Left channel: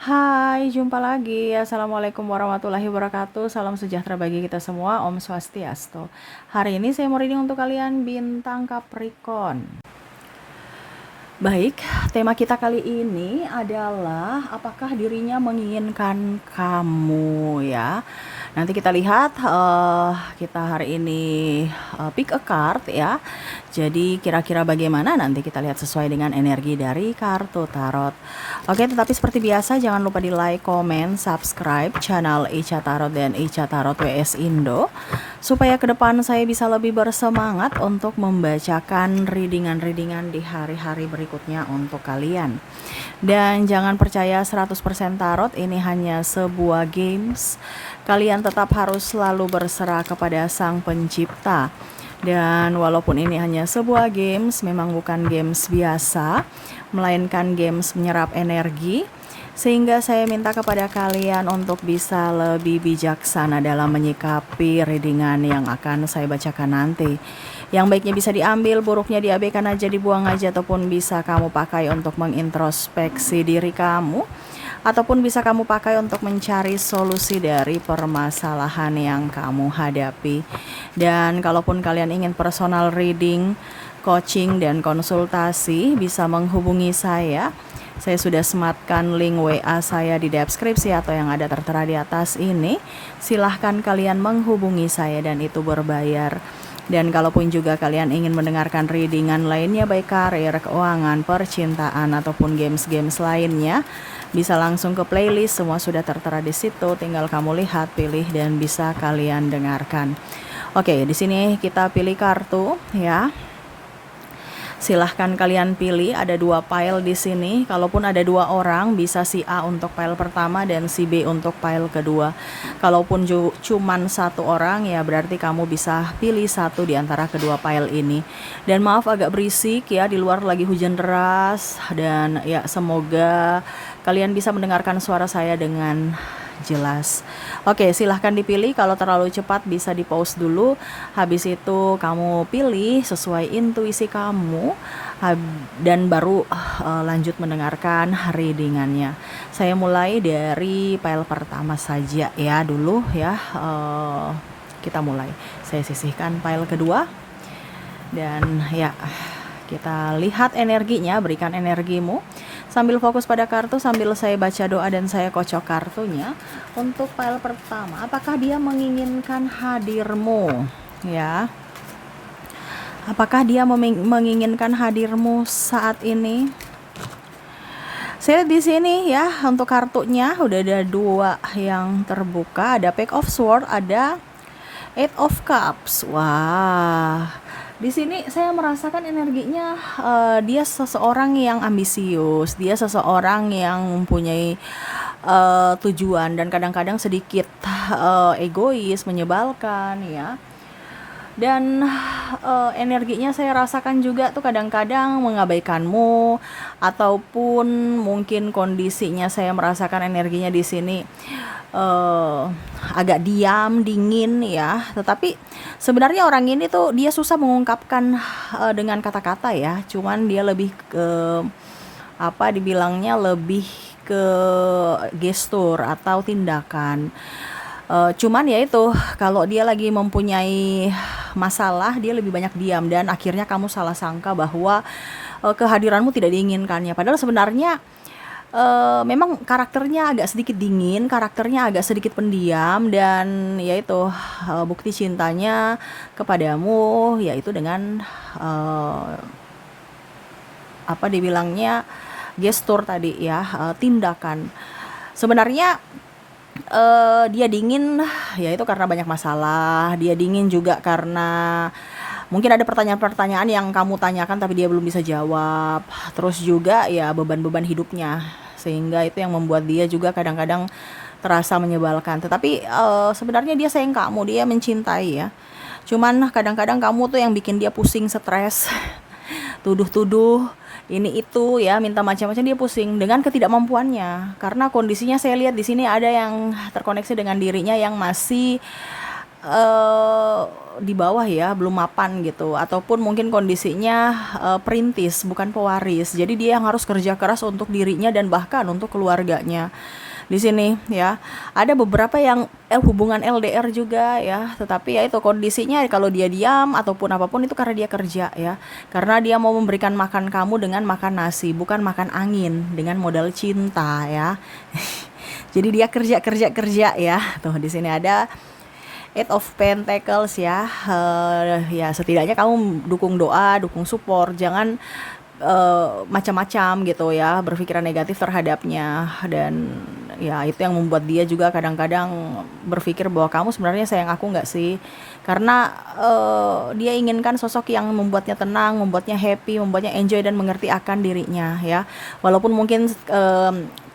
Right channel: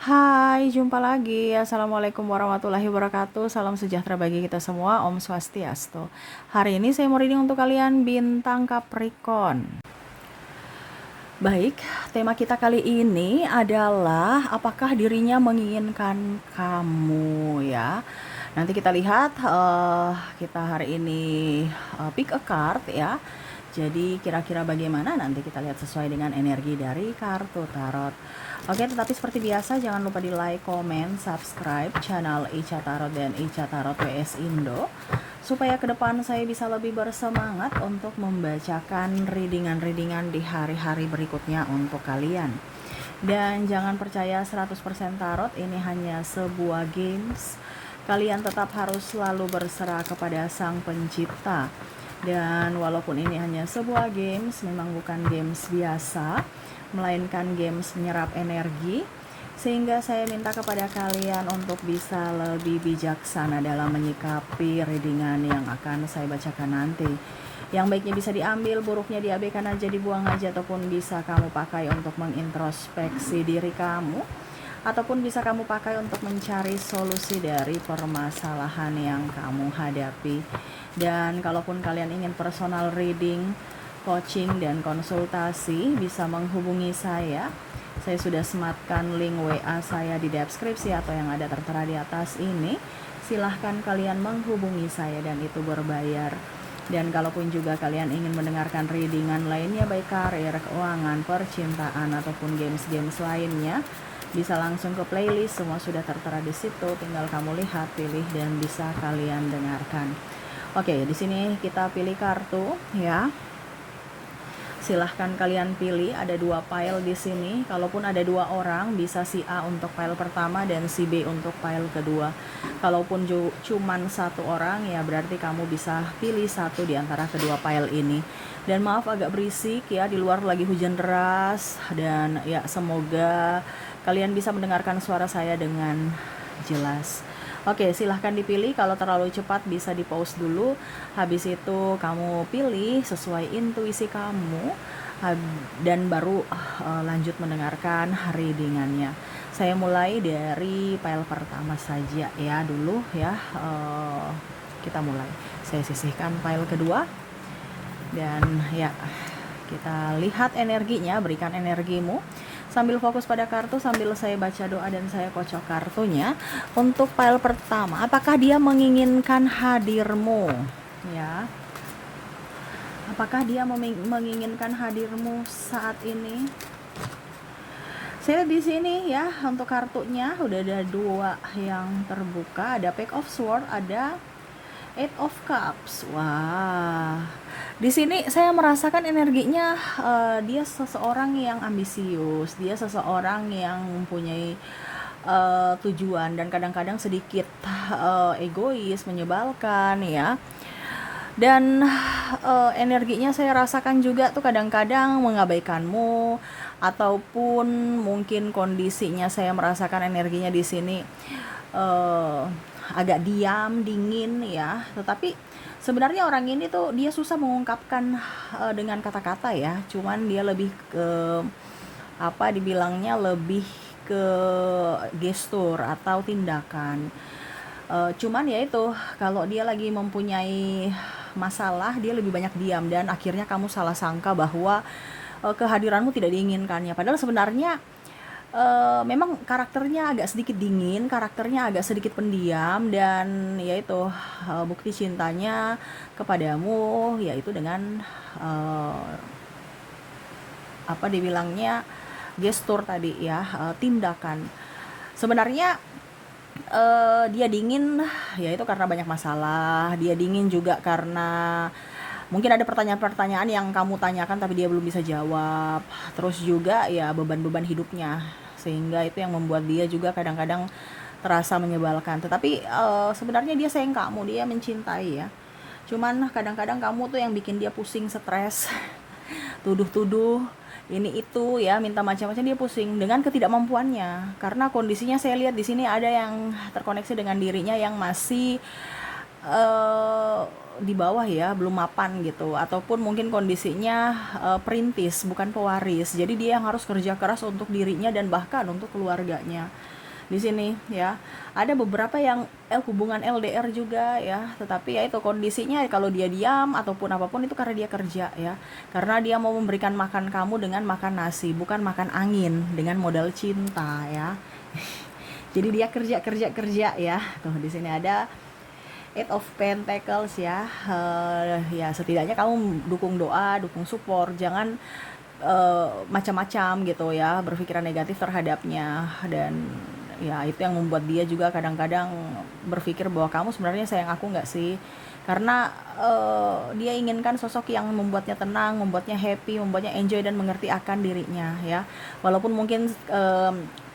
Hai, jumpa lagi. Assalamualaikum warahmatullahi wabarakatuh. Salam sejahtera bagi kita semua. Om Swastiastu. Hari ini saya mau reading untuk kalian bintang Capricorn. Baik, tema kita kali ini adalah apakah dirinya menginginkan kamu ya. Nanti kita lihat kita hari ini pick a card ya. Jadi kira-kira bagaimana nanti kita lihat sesuai dengan energi dari kartu tarot. Oke, tetapi seperti biasa jangan lupa di like, comment, subscribe channel Ica Tarot dan Ica Tarot WS Indo supaya ke depan saya bisa lebih bersemangat untuk membacakan readingan-readingan di hari-hari berikutnya untuk kalian. Dan jangan percaya 100% tarot ini hanya sebuah games. Kalian tetap harus selalu berserah kepada Sang Pencipta. Dan walaupun ini hanya sebuah games, memang bukan games biasa, melainkan games menyerap energi. Sehingga saya minta kepada kalian untuk bisa lebih bijaksana dalam menyikapi readingan yang akan saya bacakan nanti. Yang baiknya bisa diambil, buruknya diabaikan aja, dibuang aja, ataupun bisa kamu pakai untuk mengintrospeksi diri kamu, ataupun bisa kamu pakai untuk mencari solusi dari permasalahan yang kamu hadapi. Dan kalaupun kalian ingin personal reading, coaching, dan konsultasi, bisa menghubungi saya. Saya sudah sematkan link WA saya di deskripsi atau yang ada tertera di atas ini. Silahkan kalian menghubungi saya dan itu berbayar. Dan kalaupun juga kalian ingin mendengarkan readingan lainnya, baik karir, keuangan, percintaan, ataupun games-games lainnya, bisa langsung ke playlist, semua sudah tertera di situ. Tinggal kamu lihat, pilih, dan bisa kalian dengarkan. Oke, di sini kita pilih kartu ya. Silahkan kalian pilih, ada 2 pile di sini. Kalaupun ada 2 orang, bisa si A untuk pile pertama dan si B untuk pile kedua. Kalaupun cuman 1 orang, ya berarti kamu bisa pilih 1 di antara kedua pile ini. Dan maaf agak berisik ya, di luar lagi hujan deras. Dan ya semoga kalian bisa mendengarkan suara saya dengan jelas. Oke, silahkan dipilih. Kalau terlalu cepat bisa di pause dulu. Habis itu kamu pilih sesuai intuisi kamu dan baru lanjut mendengarkan readingannya. Saya mulai dari pile pertama saja ya dulu ya. Kita mulai. Saya sisihkan pile kedua dan ya kita lihat energinya. Berikan energimu sambil fokus pada kartu, sambil saya baca doa dan saya kocok kartunya. Untuk pile pertama, apakah dia menginginkan hadirmu? Ya, apakah dia menginginkan hadirmu saat ini? Saya di sini ya, untuk kartunya udah ada 2 yang terbuka, ada Page of Swords, ada Eight of Cups. Wah, di sini saya merasakan energinya dia seseorang yang ambisius, dia seseorang yang mempunyai tujuan dan kadang-kadang sedikit egois, menyebalkan ya. Dan energinya saya rasakan juga tuh kadang-kadang mengabaikanmu, ataupun mungkin kondisinya saya merasakan energinya di sini agak diam, dingin ya. Tetapi sebenarnya orang ini tuh dia susah mengungkapkan dengan kata-kata ya. Cuman dia lebih ke apa dibilangnya, lebih ke gestur atau tindakan. Cuman ya itu, kalau dia lagi mempunyai masalah, dia lebih banyak diam dan akhirnya kamu salah sangka bahwa kehadiranmu tidak diinginkannya. Padahal sebenarnya memang karakternya agak sedikit dingin, karakternya agak sedikit pendiam, dan yaitu bukti cintanya kepadamu yaitu dengan apa dibilangnya, gestur tadi ya, tindakan. Sebenarnya dia dingin yaitu karena banyak masalah, dia dingin juga karena mungkin ada pertanyaan-pertanyaan yang kamu tanyakan tapi dia belum bisa jawab. Terus juga ya beban-beban hidupnya, sehingga itu yang membuat dia juga kadang-kadang terasa menyebalkan. Tetapi sebenarnya dia sayang kamu, dia mencintai ya. Cuman kadang-kadang kamu tuh yang bikin dia pusing, stres, tuduh-tuduh ini itu ya, minta macam-macam, dia pusing dengan ketidakmampuannya. Karena kondisinya saya lihat di sini ada yang terkoneksi dengan dirinya yang masih eh, di bawah ya, belum mapan gitu, ataupun mungkin kondisinya perintis, bukan pewaris. Jadi dia yang harus kerja keras untuk dirinya dan bahkan untuk keluarganya. Di sini ya, ada beberapa yang hubungan LDR juga ya, tetapi ya itu kondisinya kalau dia diam ataupun apapun itu karena dia kerja ya. Karena dia mau memberikan makan kamu dengan makan nasi, bukan makan angin dengan modal cinta ya. Jadi dia kerja kerja kerja ya. Tuh di sini ada Eight of Pentacles ya. Ya setidaknya kamu dukung doa, dukung support, jangan macam-macam gitu ya, berpikiran negatif terhadapnya. Dan ya itu yang membuat dia juga kadang-kadang berpikir bahwa kamu sebenarnya sayang aku nggak sih, karena dia inginkan sosok yang membuatnya tenang, membuatnya happy, membuatnya enjoy dan mengerti akan dirinya ya. Walaupun mungkin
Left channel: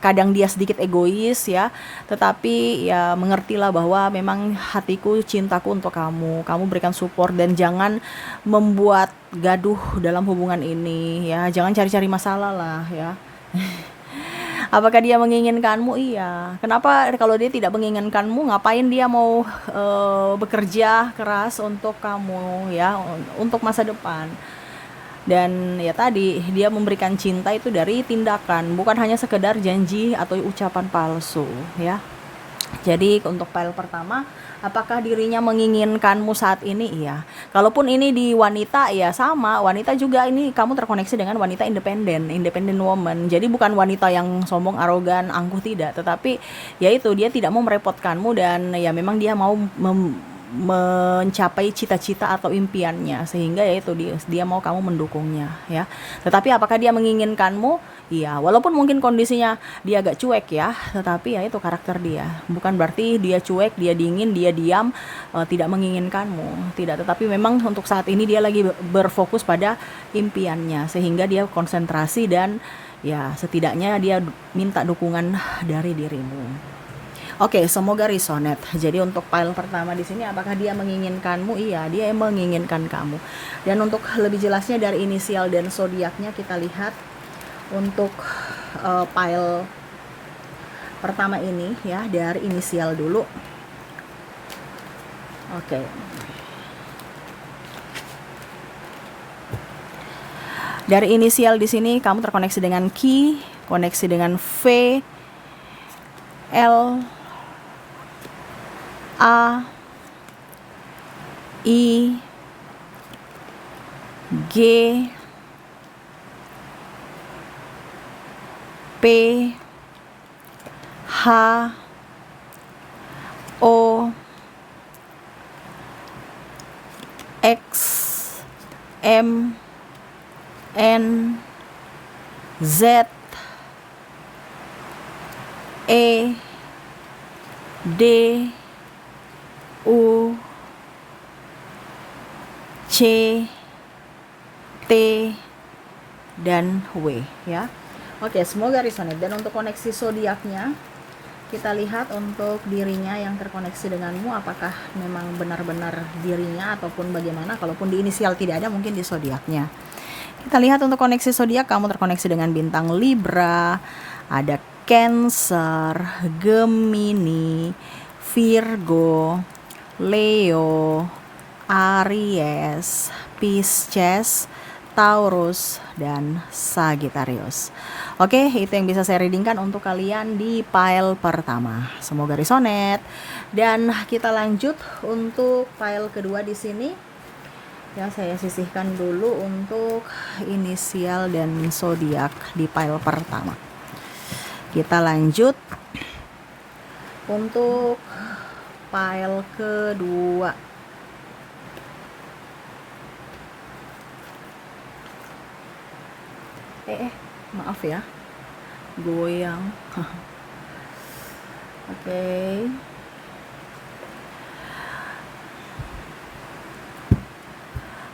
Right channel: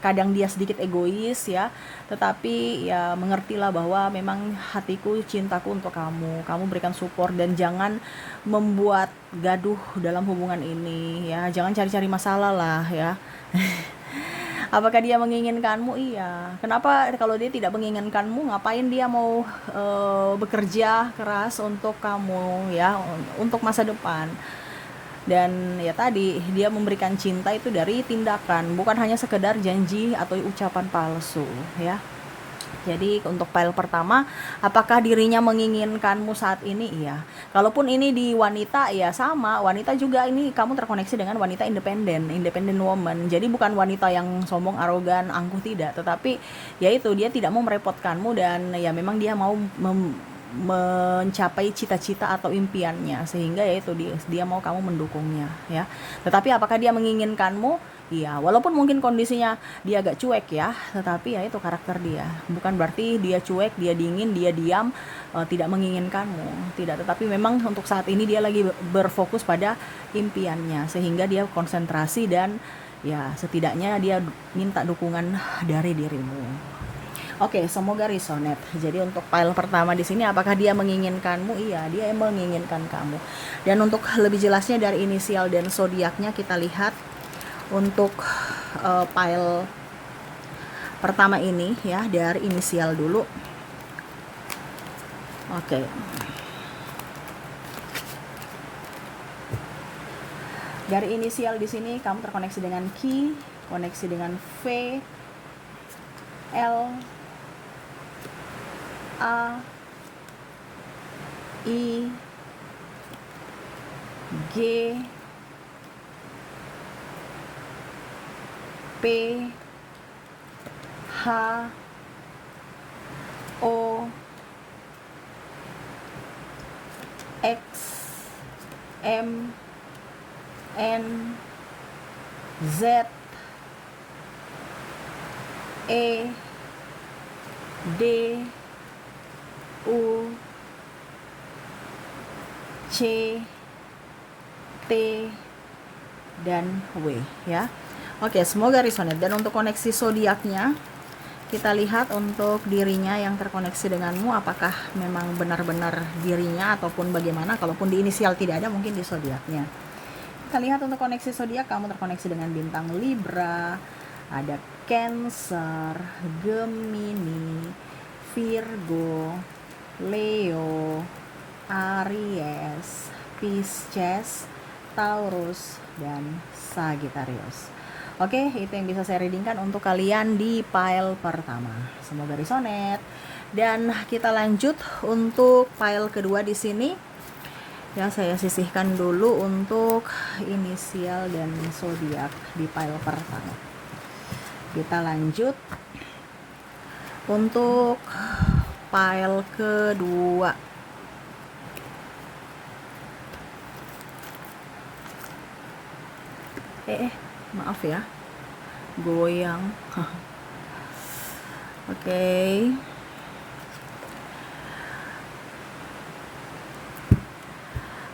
kadang dia sedikit egois ya, tetapi ya mengertilah bahwa memang hatiku, cintaku untuk kamu berikan support dan jangan membuat gaduh dalam hubungan ini ya, jangan cari-cari masalah lah ya. Apakah dia menginginkanmu? Iya. Kenapa kalau dia tidak menginginkanmu, ngapain dia mau bekerja keras untuk kamu ya, untuk masa depan? Dan ya tadi dia memberikan cinta itu dari tindakan, bukan hanya sekedar janji atau ucapan palsu ya. Jadi untuk file pertama, apakah dirinya menginginkanmu saat ini? Iya. Kalaupun ini di wanita, ya sama. Wanita juga ini kamu terkoneksi dengan wanita independen, independent woman. Jadi bukan wanita yang sombong, arogan, angkuh, tidak. Tetapi ya itu, dia tidak mau merepotkanmu dan ya memang dia mau mencapai cita-cita atau impiannya, sehingga ya itu dia mau kamu mendukungnya ya. Tetapi apakah dia menginginkanmu? Iya, walaupun mungkin kondisinya dia agak cuek ya, tetapi ya itu karakter dia. Bukan berarti dia cuek, dia dingin, dia diam, tidak menginginkanmu. Tidak, tetapi memang untuk saat ini dia lagi berfokus pada impiannya, sehingga dia konsentrasi dan ya setidaknya dia minta dukungan dari dirimu. Oke, semoga resonate. Jadi untuk file pertama di sini, apakah dia menginginkanmu? Iya, dia menginginkan kamu. Dan untuk lebih jelasnya dari inisial dan zodiaknya kita lihat untuk file pertama ini ya, dari inisial dulu. Oke. Dari inisial di sini kamu terkoneksi dengan Q, koneksi dengan V, L, A, I, G, P, H, O, X, M, N, Z, E, D, U, C, T, dan W ya. Oke, semoga resonate. Dan untuk koneksi zodiaknya kita lihat untuk dirinya yang terkoneksi denganmu, apakah memang benar-benar dirinya ataupun bagaimana. Kalaupun di inisial tidak ada, mungkin di zodiaknya. Kita lihat untuk koneksi zodiak, kamu terkoneksi dengan bintang Libra, ada Cancer, Gemini, Virgo, Leo, Aries, Pisces, Taurus, dan Sagittarius. Oke, itu yang bisa saya readingkan untuk kalian di file pertama. Semoga resonate. Dan kita lanjut untuk file kedua di sini. Ya, saya sisihkan dulu untuk inisial dan zodiak di file pertama. Kita lanjut untuk file kedua. Maaf ya, goyang. Oke.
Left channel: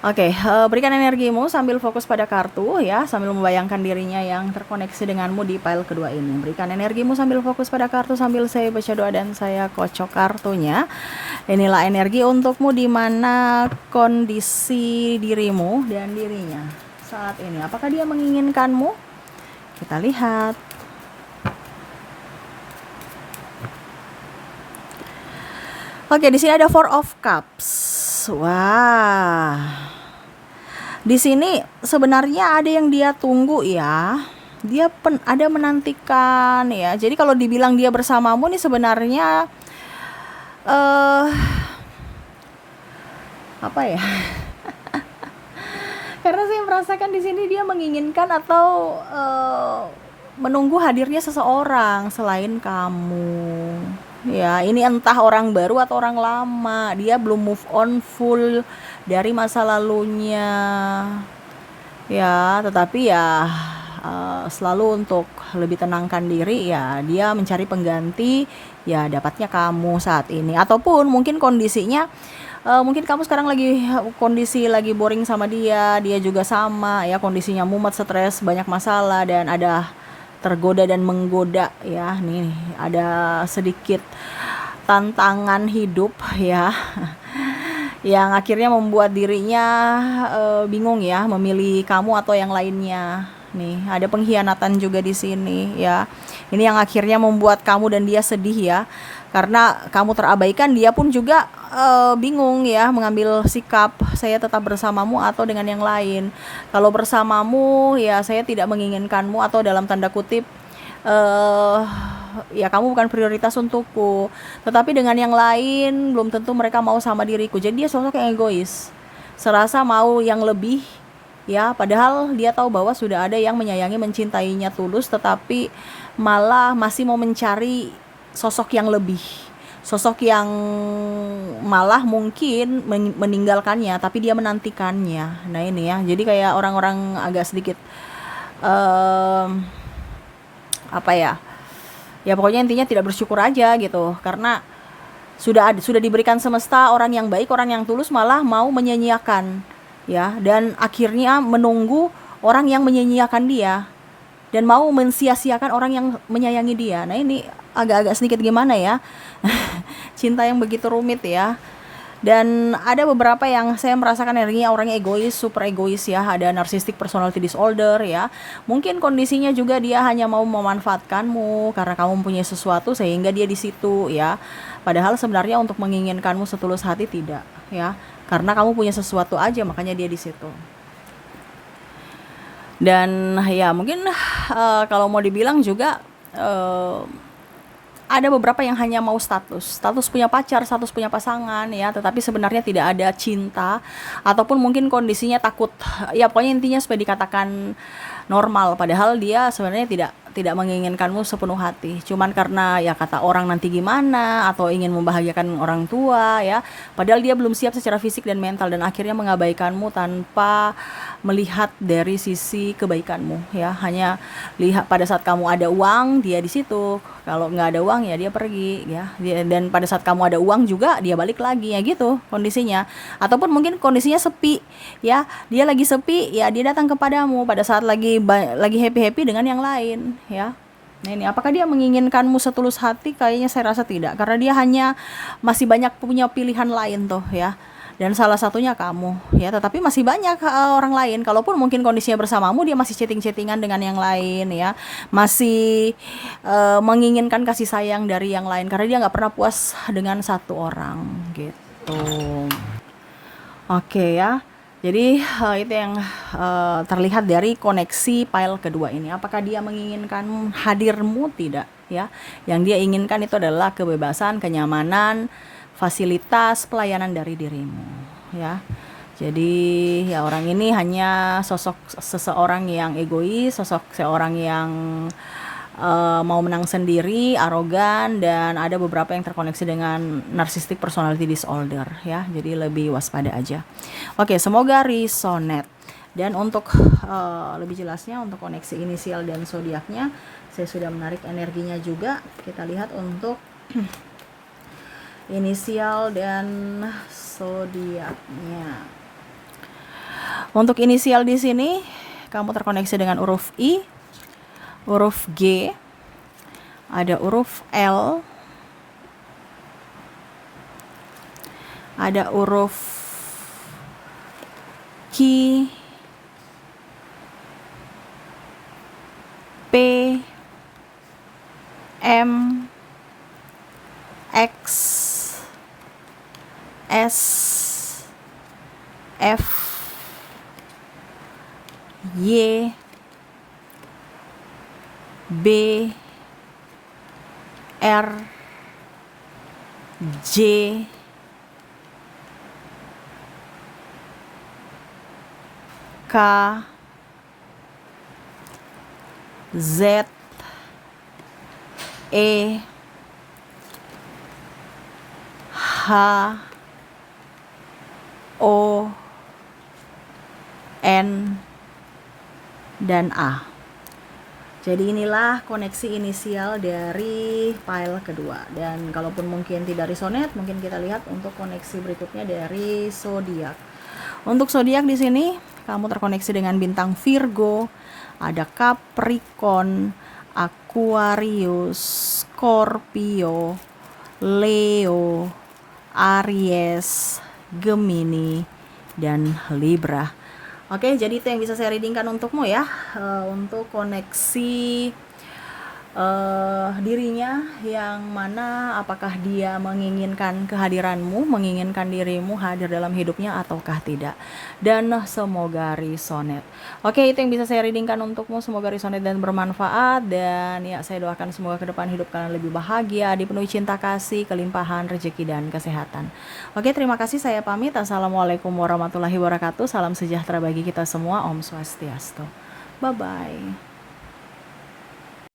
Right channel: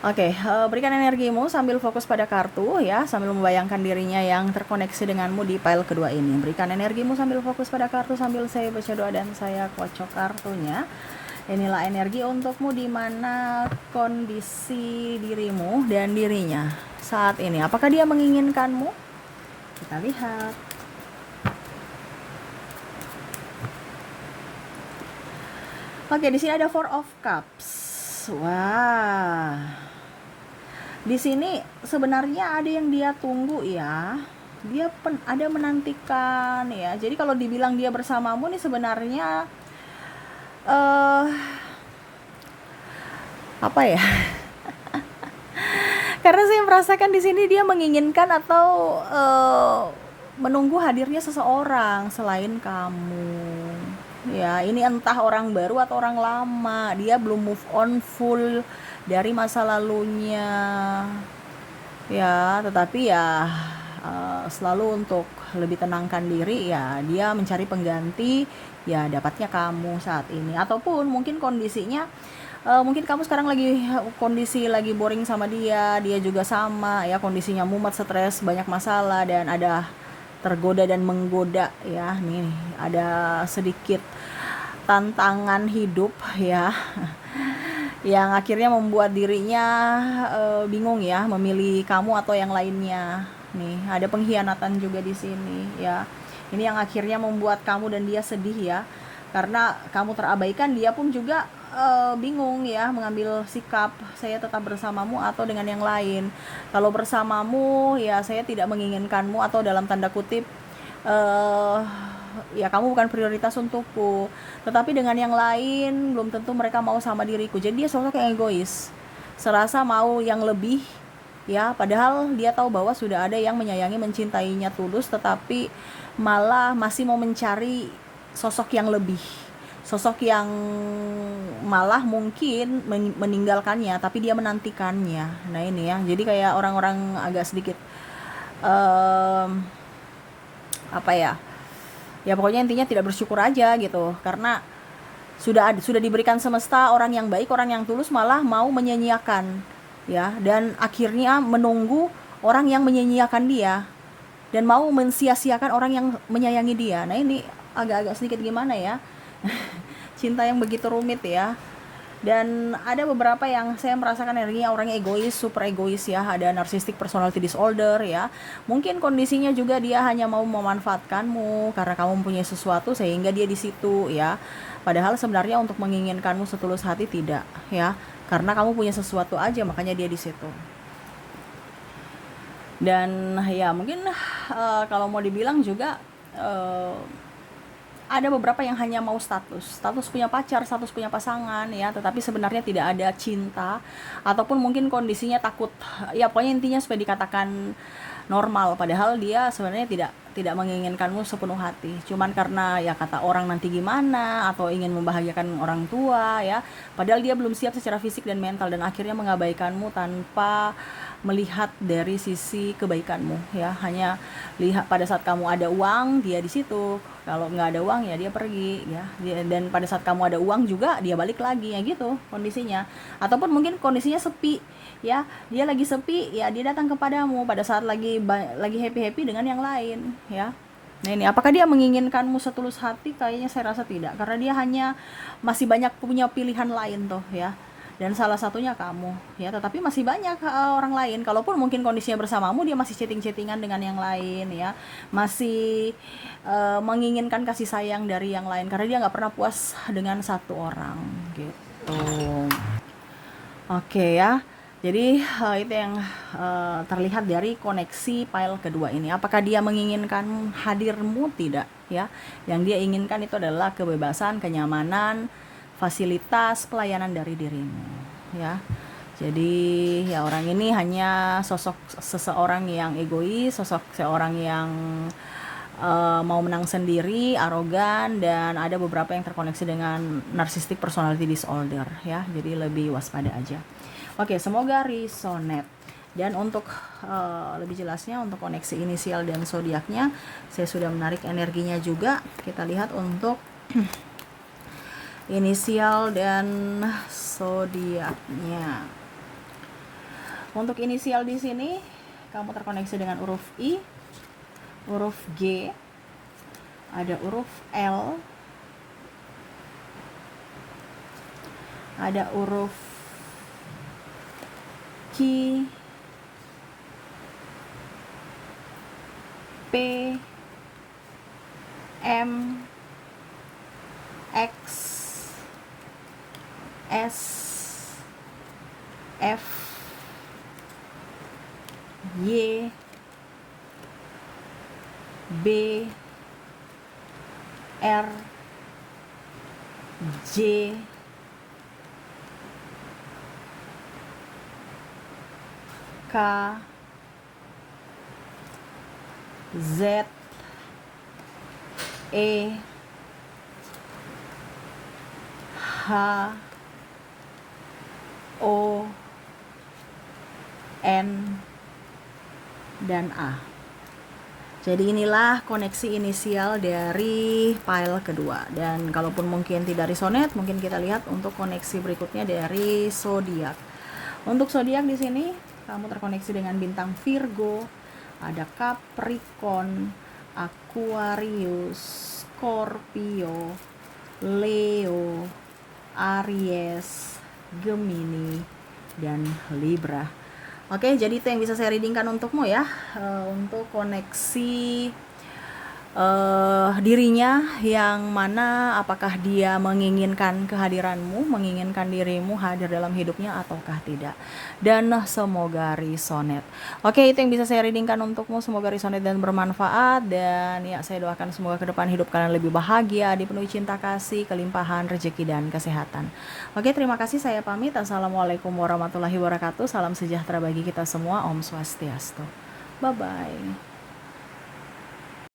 Oke, berikan energimu sambil fokus pada kartu ya, sambil membayangkan dirinya yang terkoneksi denganmu di file kedua ini. Berikan energimu sambil fokus pada kartu sambil saya baca doa dan saya kocok kartunya. Inilah energi untukmu, di mana kondisi dirimu dan dirinya saat ini. Apakah dia menginginkanmu? Kita lihat. Oke, di sini ada Four of Cups. Wah. Di sini sebenarnya ada yang dia tunggu ya. Dia ada menantikan ya. Jadi kalau dibilang dia bersamamu nih sebenarnya apa ya? Karena saya merasakan di sini dia menginginkan atau menunggu hadirnya seseorang selain kamu. Ya, ini entah orang baru atau orang lama. Dia belum move on full dari masa lalunya. Ya, tetapi ya selalu untuk lebih tenangkan diri ya, dia mencari pengganti ya dapatnya kamu saat ini. Ataupun mungkin kondisinya mungkin kamu sekarang lagi kondisi lagi boring sama dia, dia juga sama ya, kondisinya mumet, stres, banyak masalah dan ada tergoda dan menggoda ya. Nih ada sedikit tantangan hidup ya yang akhirnya membuat dirinya bingung ya memilih kamu atau yang lainnya. Nih ada pengkhianatan juga di sini ya. Ini yang akhirnya membuat kamu dan dia sedih ya, karena kamu terabaikan. Dia pun juga bingung ya mengambil sikap, saya tetap bersamamu atau dengan yang lain. Kalau bersamamu ya saya tidak menginginkanmu, atau dalam tanda kutip ya kamu bukan prioritas untukku. Tetapi dengan yang lain belum tentu mereka mau sama diriku. Jadi dia sosok yang egois, serasa mau yang lebih ya, padahal dia tahu bahwa sudah ada yang menyayangi, mencintainya tulus, tetapi malah masih mau mencari sosok yang lebih, sosok yang malah mungkin meninggalkannya tapi dia menantikannya. Nah ini ya, jadi kayak orang-orang agak sedikit apa ya, ya pokoknya intinya tidak bersyukur aja gitu, karena sudah diberikan semesta orang yang baik, orang yang tulus, malah mau menyia-nyiakan ya, dan akhirnya menunggu orang yang menyia-nyiakan dia dan mau mensia-siakan orang yang menyayangi dia. Nah ini agak-agak sedikit gimana ya cinta yang begitu rumit ya. Dan ada beberapa yang saya merasakan energinya orangnya egois, super egois ya. Ada narcissistic personality disorder ya. Mungkin kondisinya juga dia hanya mau memanfaatkanmu karena kamu mempunyai sesuatu sehingga dia di situ ya. Padahal sebenarnya untuk menginginkanmu setulus hati tidak ya. Karena kamu punya sesuatu aja makanya dia di situ. Dan ya mungkin kalau mau dibilang juga ada beberapa yang hanya mau status punya pacar, status punya pasangan ya, tetapi sebenarnya tidak ada cinta, ataupun mungkin kondisinya takut ya, pokoknya intinya supaya dikatakan normal, padahal dia sebenarnya tidak menginginkanmu sepenuh hati, cuman karena ya kata orang nanti gimana, atau ingin membahagiakan orang tua ya, padahal dia belum siap secara fisik dan mental, dan akhirnya mengabaikanmu tanpa melihat dari sisi kebaikanmu ya. Hanya lihat pada saat kamu ada uang dia di situ, kalau nggak ada uang ya dia pergi ya. Dan pada saat kamu ada uang juga dia balik lagi ya, gitu kondisinya. Ataupun mungkin kondisinya sepi ya, dia lagi sepi ya, dia datang kepadamu pada saat lagi happy dengan yang lain ya. Nah ini apakah dia menginginkanmu setulus hati? Kayaknya saya rasa tidak, karena dia hanya masih banyak punya pilihan lain tuh ya, dan salah satunya kamu ya. Tetapi masih banyak orang lain, kalaupun mungkin kondisinya bersamamu dia masih chatting-chattingan dengan yang lain ya, masih menginginkan kasih sayang dari yang lain, karena dia nggak pernah puas dengan satu orang gitu. Oke ya, jadi itu yang terlihat dari koneksi pile kedua ini. Apakah dia menginginkan hadirmu? Tidak ya. Yang dia inginkan itu adalah kebebasan, kenyamanan, fasilitas, pelayanan dari dirimu ya. Jadi ya orang ini hanya sosok seseorang yang egois, sosok seorang yang mau menang sendiri, arogan, dan ada beberapa yang terkoneksi dengan narcissistic personality disorder ya. Jadi lebih waspada aja. Oke, semoga resonate. Dan untuk lebih jelasnya untuk koneksi inisial dan zodiaknya, saya sudah menarik energinya juga. Kita lihat untuk inisial dan zodiaknya. Untuk inisial di sini kamu terkoneksi dengan huruf I, huruf G, ada huruf L, ada huruf Q, P, M, X, S F Y B R J K Z E H O N dan A. Jadi inilah koneksi inisial dari file kedua. Dan kalaupun mungkin tidak resonate, mungkin kita lihat untuk koneksi berikutnya dari zodiak. Untuk zodiak di sini kamu terkoneksi dengan bintang Virgo, ada Capricorn, Aquarius, Scorpio, Leo, Aries, Gemini, dan Libra. Oke, jadi itu yang bisa saya readingkan untukmu ya, untuk koneksi dirinya yang mana apakah dia menginginkan kehadiranmu, menginginkan dirimu hadir dalam hidupnya ataukah tidak. Dan semoga resonate. Oke, itu yang bisa saya readingkan untukmu, semoga resonate dan bermanfaat. Dan ya, saya doakan semoga ke depan hidup kalian lebih bahagia, dipenuhi cinta kasih, kelimpahan, rezeki, dan kesehatan. Oke, terima kasih, saya pamit. Assalamualaikum warahmatullahi wabarakatuh. Salam sejahtera bagi kita semua. Om Swastiastu. Bye-bye.